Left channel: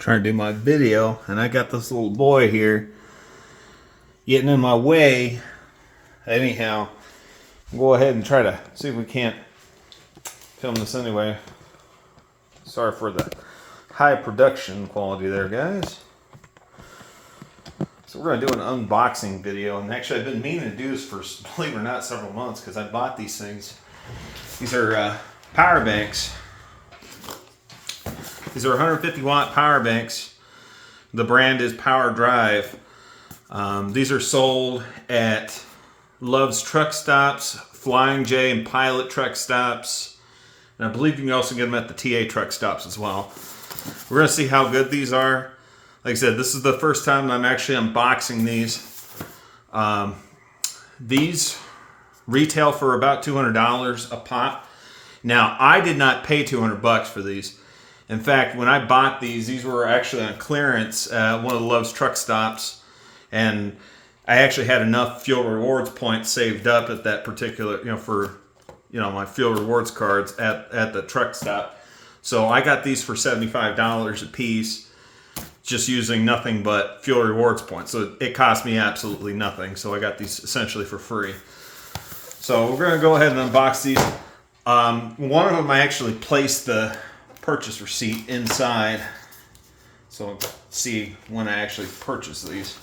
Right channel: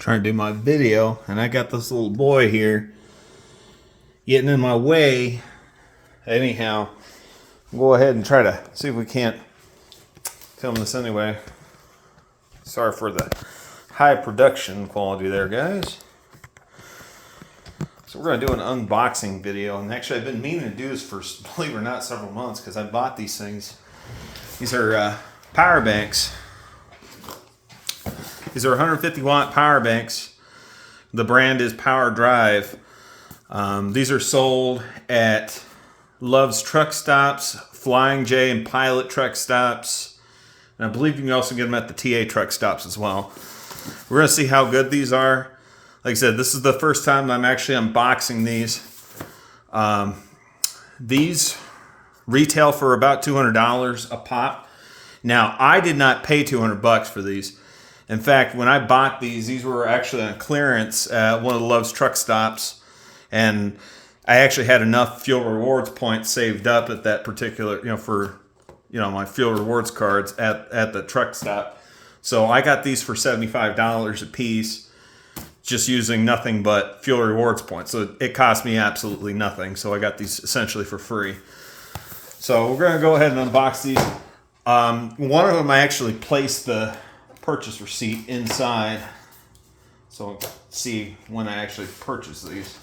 trying to do my video, and I got this little boy here getting in my way. Anyhow, we'll go ahead and try to see if we can't film this anyway. Sorry for the high production quality there, guys. So we're going to do an unboxing video, and actually I've been meaning to do this for, believe it or not, several months, because I bought these things. These are power banks. These are 150 watt power banks. The brand is Powerdrive. These are sold at Love's Truck Stops, Flying J and Pilot Truck Stops. And I believe you can also get them at the TA Truck Stops as well. We're going to see how good these are. Like I said, this is the first time that I'm actually unboxing these. These retail for about $200 a pop. Now, I did not pay $200 for these. In fact, when I bought these were actually on clearance at one of the Love's Truck Stops. And I actually had enough fuel rewards points saved up at that particular, for my fuel rewards cards at the truck stop. So I got these for $75 a piece, just using nothing but fuel rewards points. So it cost me absolutely nothing. So I got these essentially for free. So we're going to go ahead and unbox these. One of them I actually placed the purchase receipt inside, so see when I actually purchased these.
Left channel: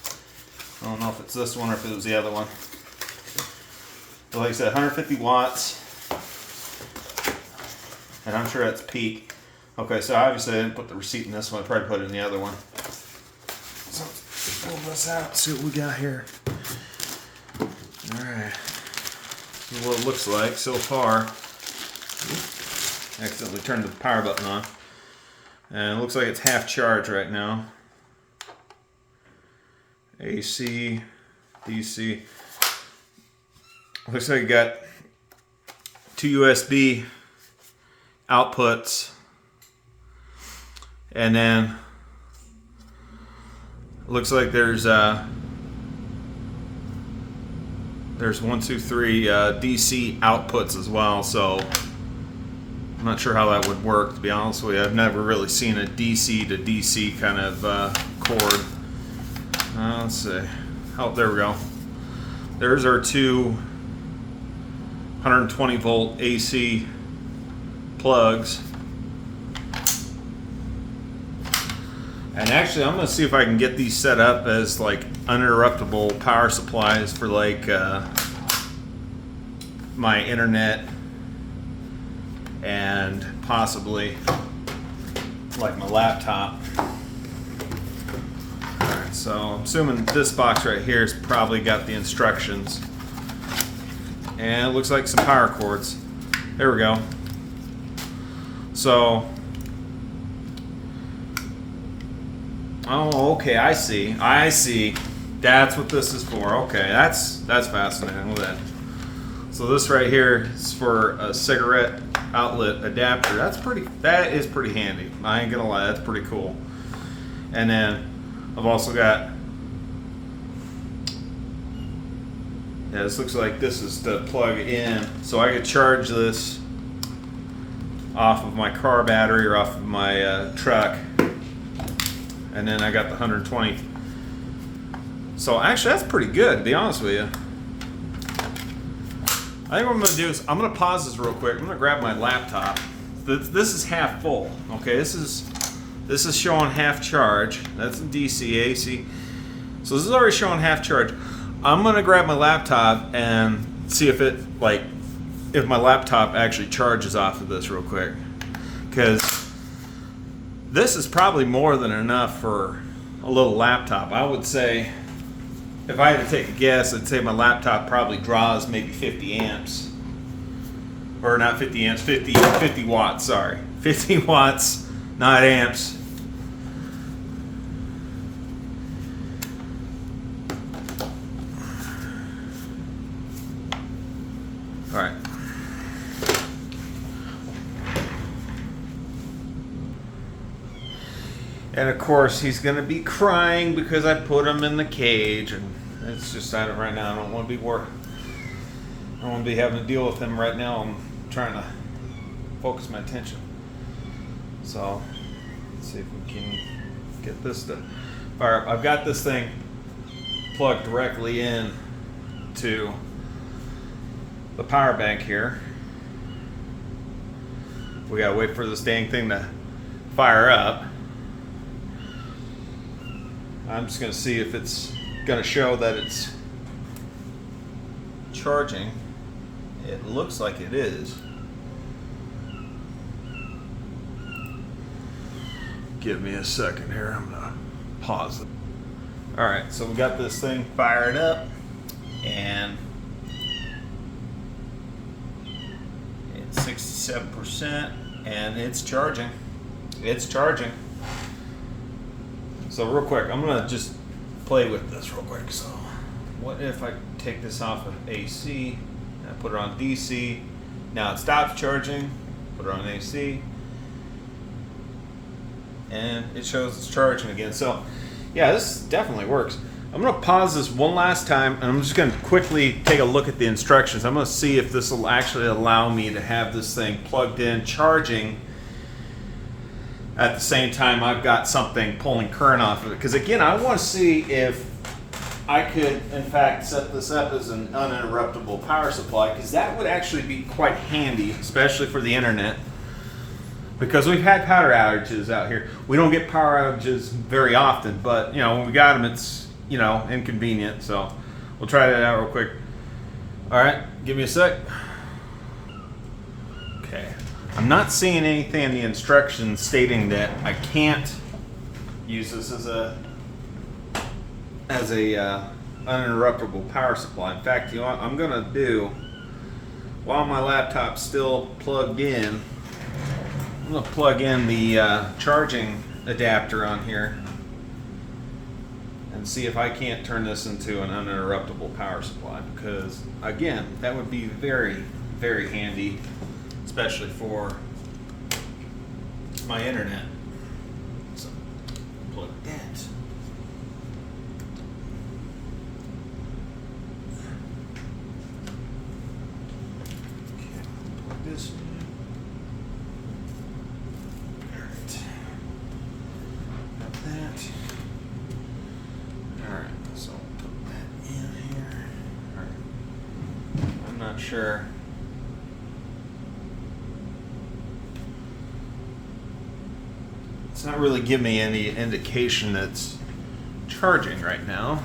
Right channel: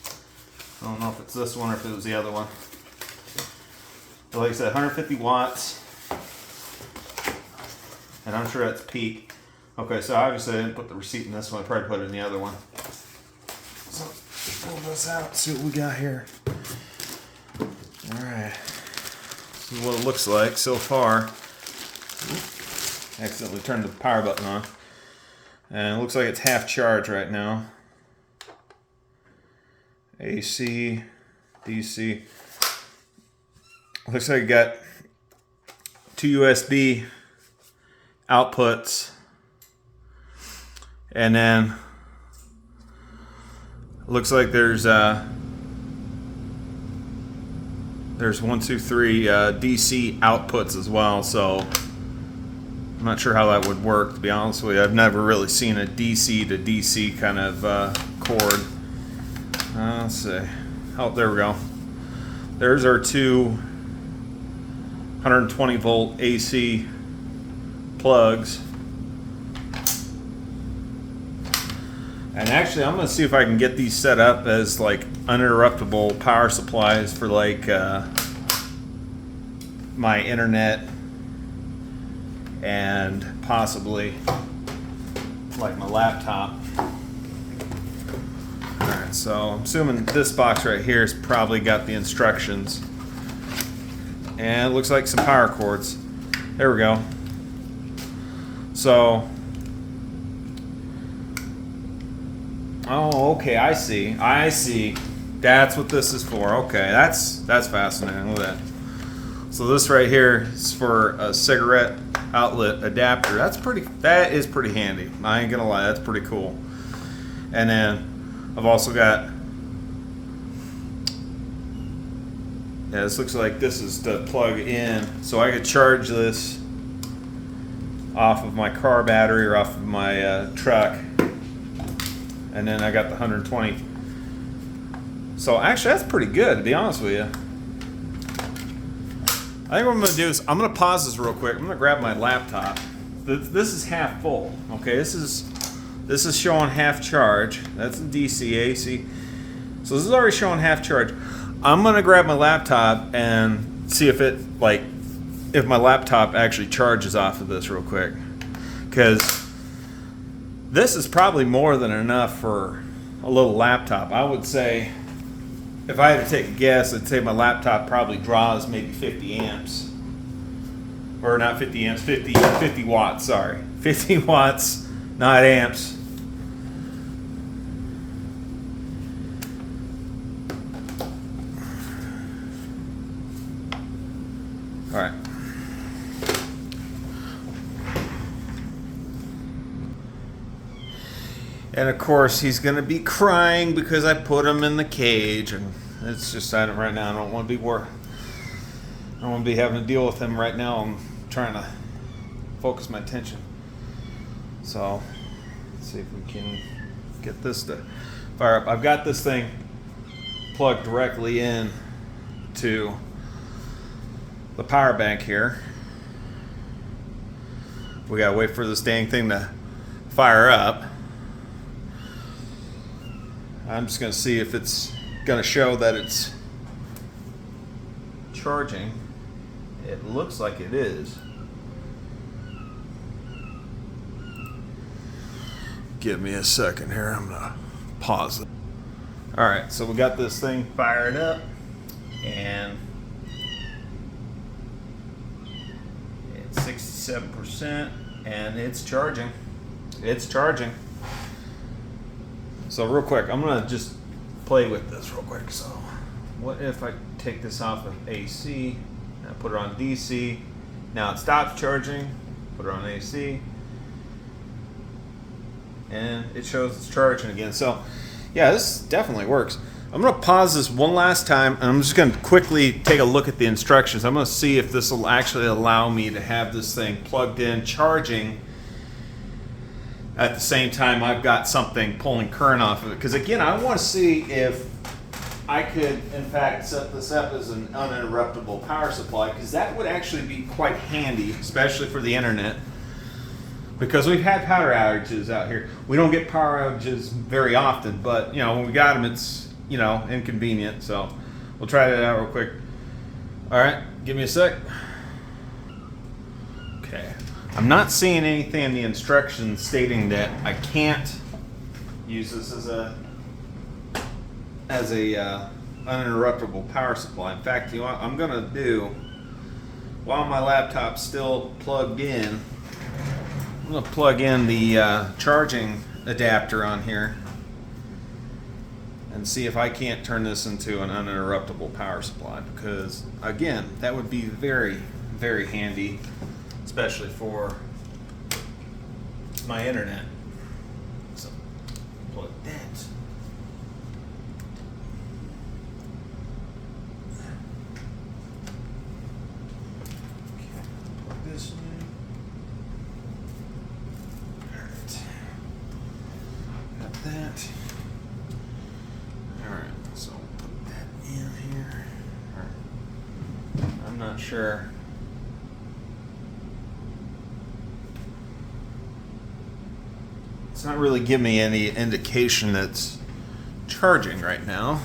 I don't know if it's this one or if it was the other one. But like I said, 150 watts, and I'm sure that's peak. Okay, so obviously I didn't put the receipt in this one. I probably put it in the other one. So let's pull this out, see what we got here. All right, see what it looks like so far. Accidentally turned the power button on. And it looks like it's half charged right now. AC, DC. Looks like you got two USB outputs. And then looks like there's 1, 2, 3 DC outputs as well. So I'm not sure how that would work, to be honest with you. I've never really seen a DC to DC kind of cord. Let's see. Oh, there we go. There's our two 120 volt AC plugs. And actually, I'm going to see if I can get these set up as like uninterruptible power supplies for like my internet and possibly like my laptop. Alright, so I'm assuming this box right here has probably got the instructions. And it looks like some power cords. There we go. So, oh, okay, I see. That's what this is for. Okay, that's fascinating. Look at that. So this right here is for a cigarette outlet adapter. That is pretty handy. I ain't gonna lie, that's pretty cool. And then I've also got, this looks like this is to plug in, so I could charge this off of my car battery or off of my truck. And then I got the 120. So actually that's pretty good, to be honest with you. I think what I'm going to do is I'm going to pause this real quick. I'm going to grab my laptop. This is half full. Okay, this is showing half charge. That's DC, AC. So this is already showing half charge. I'm going to grab my laptop and see if my laptop actually charges off of this real quick. Because this is probably more than enough for a little laptop. I would say, if I had to take a guess, I'd say my laptop probably draws maybe 50 amps. Or not 50 amps, 50 watts, sorry. 50 watts, not amps. All right. And of course, he's going to be crying because I put him in the cage. And it's just, right now, I don't want to be I don't want to be having to deal with him right now. I'm trying to focus my attention. So, let's see if we can get this to fire up. I've got this thing plugged directly in to the power bank here. We gotta wait for this dang thing to fire up. I'm just gonna see if it's gonna show that it's charging. It looks like it is. Give me a second here. I'm gonna pause it. All right, so we got this thing fired up, and it's 67%, and it's charging. It's charging. So real quick, I'm gonna just play with this real quick. So, what if I take this off of AC and I put it on DC? Now it stops charging. Put it on AC. And it shows it's charging again. So yeah, this definitely works. I'm gonna pause this one last time, and I'm just gonna quickly take a look at the instructions. I'm gonna see if this will actually allow me to have this thing plugged in, charging at the same time I've got something pulling current off of it. Because again, I want to see if I could in fact set this up as an uninterruptible power supply, because that would actually be quite handy, especially for the internet. Because we've had power outages out here. We don't get power outages very often, but you know, when we got them, it's, you know, inconvenient. So we'll try that out real quick. All right, give me a sec. Okay, I'm not seeing anything in the instructions stating that I can't use this as a uninterruptible power supply. In fact, you know what I'm gonna do, while my laptop's still plugged in, I'm going to plug in the charging adapter on here and see if I can't turn this into an uninterruptible power supply, because again, that would be very, very handy, especially for my internet. So plug that. Plug this in. That. Alright, so I'll put that in here. I'm not sure. It's not really giving me any indication that's charging right now.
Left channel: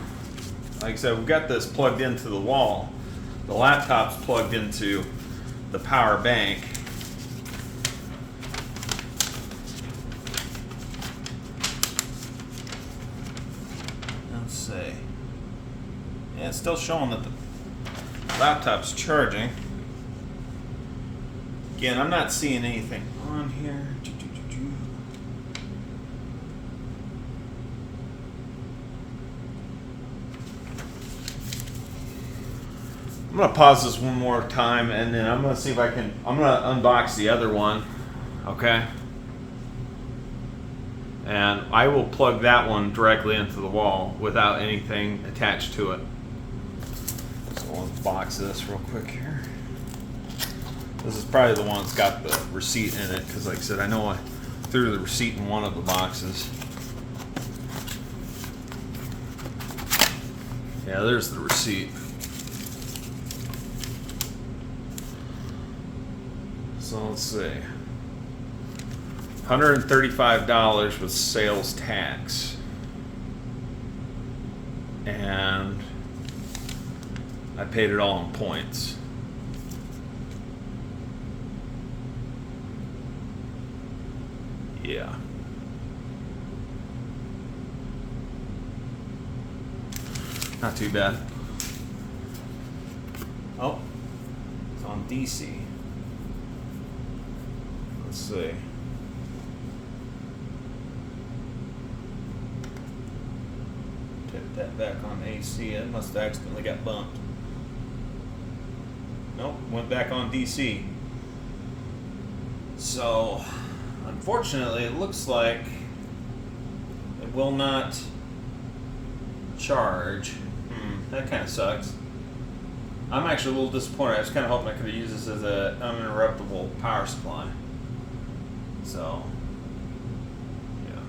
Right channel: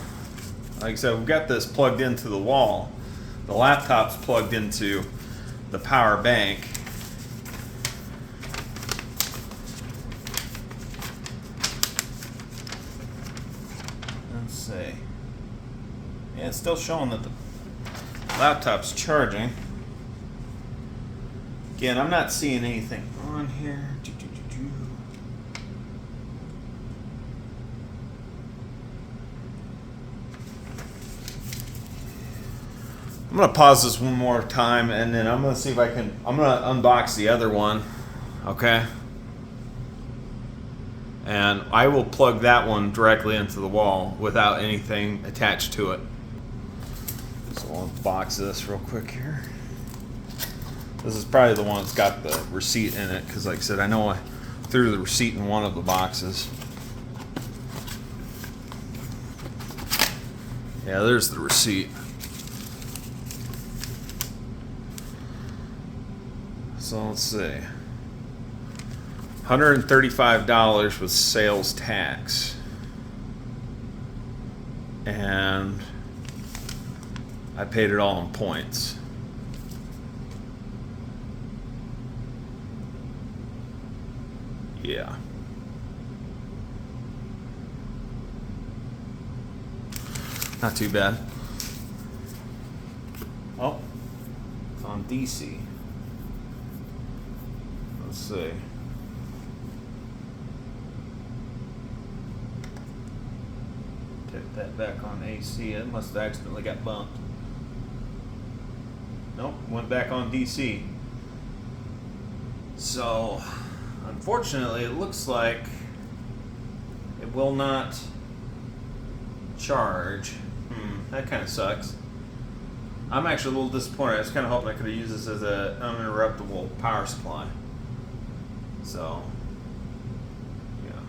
Like I said, we've got this plugged into the wall. The laptop's plugged into the power bank. Yeah, it's still showing that the laptop's charging. Again, I'm not seeing anything on here. I'm gonna pause this one more time, and then I'm gonna see if I can. I'm gonna unbox the other one, okay? And I will plug that one directly into the wall without anything attached to it. So I'll unbox this real quick here. This is probably the one that's got the receipt in it, because like I said, I know I threw the receipt in one of the boxes. Yeah, there's the receipt. So let's see. $135 with sales tax. And I paid it all in points. Yeah. Not too bad. Oh, it's on DC. Let's see. Take that back on AC. It must have accidentally got bumped. Nope, went back on DC. So, unfortunately, it looks like it will not charge. That kind of sucks. I'm actually a little disappointed. I was kind of hoping I could have used this as an uninterruptible power supply. So, yeah.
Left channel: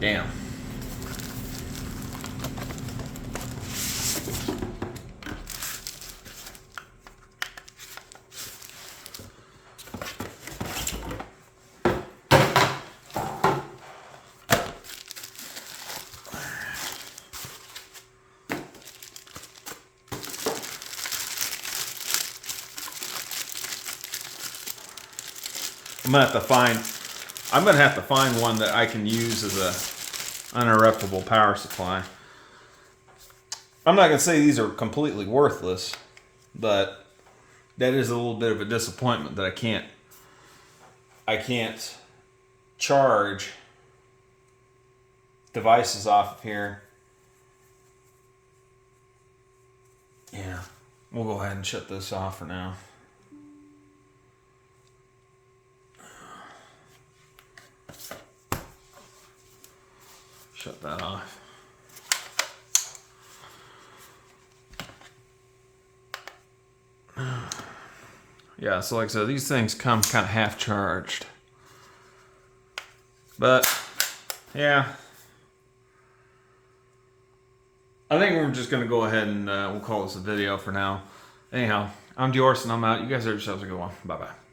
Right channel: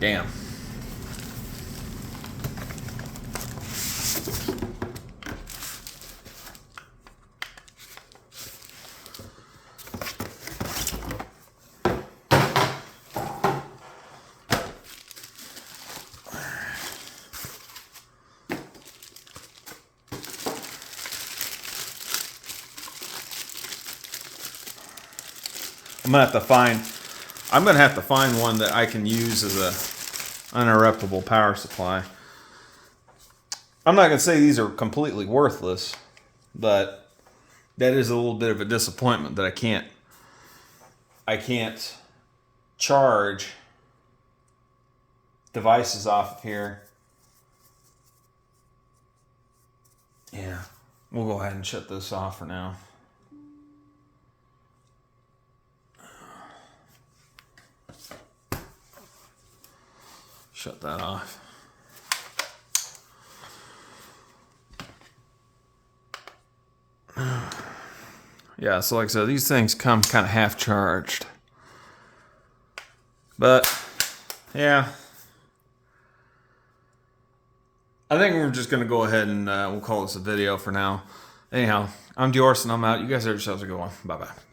Damn. I'm gonna have to find one that I can use as a uninterruptible power supply. I'm not gonna say these are completely worthless, but that is a little bit of a disappointment that I can't charge devices off of here. Yeah, we'll go ahead and shut this off for now. Shut that off. Yeah, so like I said, these things come kind of half charged. But, yeah. I think we're just going to go ahead and we'll call this a video for now. Anyhow, I'm Diorson. I'm out. You guys have yourselves a good one. Bye-bye.